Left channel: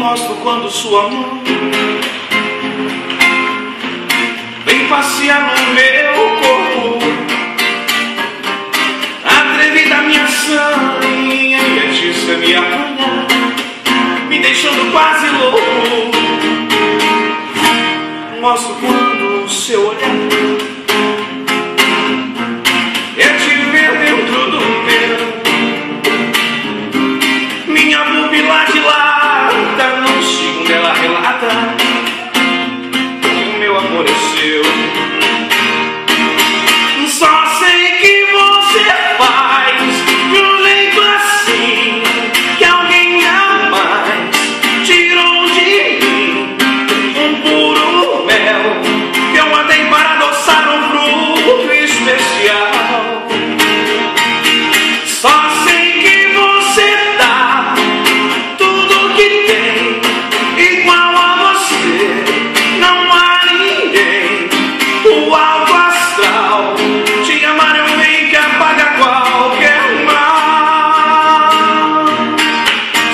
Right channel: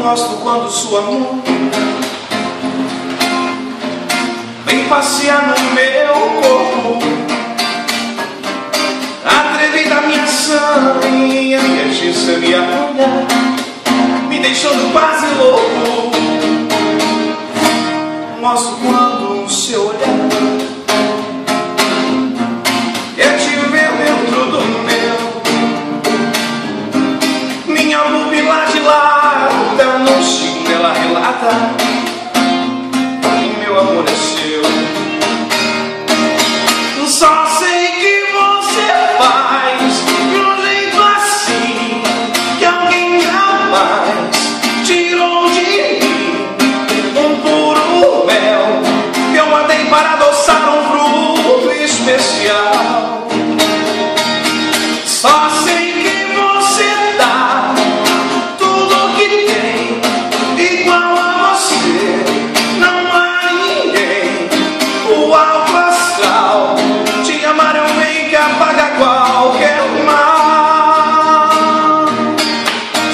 Gosto quando sua mão vem passear no meu corpo, atrevida minha ação e a minha justiça me apanhar, me deixando quase louco. Gosto quando o seu olhar é te ver dentro do meu, minha pupila dilata, no segundo ela relata, meu amor é seu. Só sei que você faz de um jeito assim que alguém jamais tirou de mim, um puro mel que eu guardei para adoçar um fruto especial. Só sei que você dá tudo que tem, igual a você não há ninguém. O alto astral, te amar é um bem que apaga qualquer mal.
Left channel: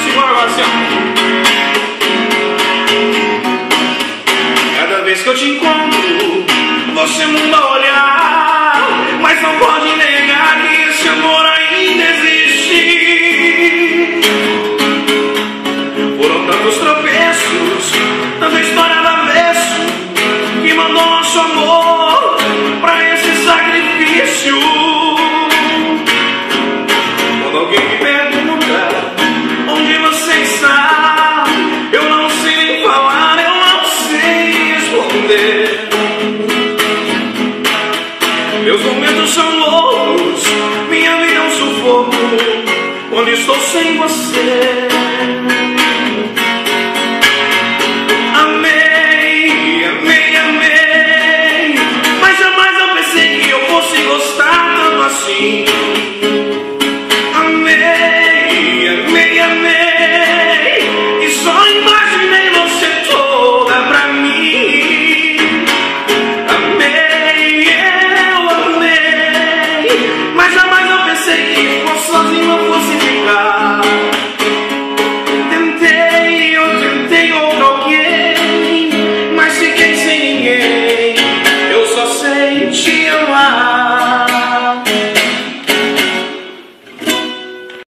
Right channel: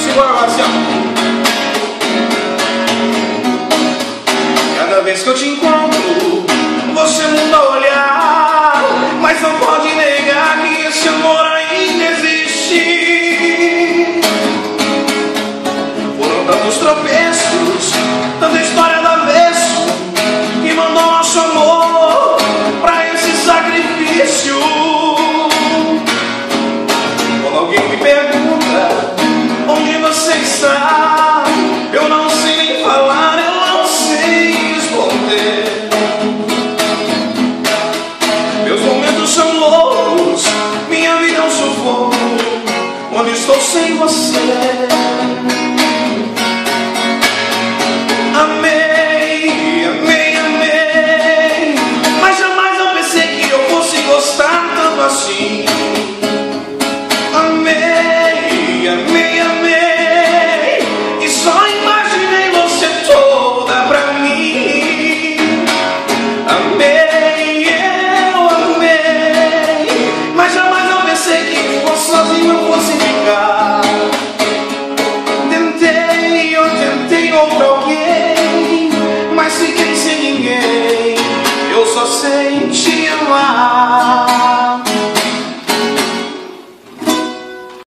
Segura lá, assim, ó. Cada vez que eu te encontro, você muda o olhar, mas não pode negar que esse amor ainda existe. Foram tantos tropeços, tanta história do avesso, que mandou nosso amor pra esse sacrifício. Quando alguém me pergunta onde você está, eu não sei nem falar, eu não sei responder. Meus momentos são loucos, minha vida é um sufoco quando estou sem você.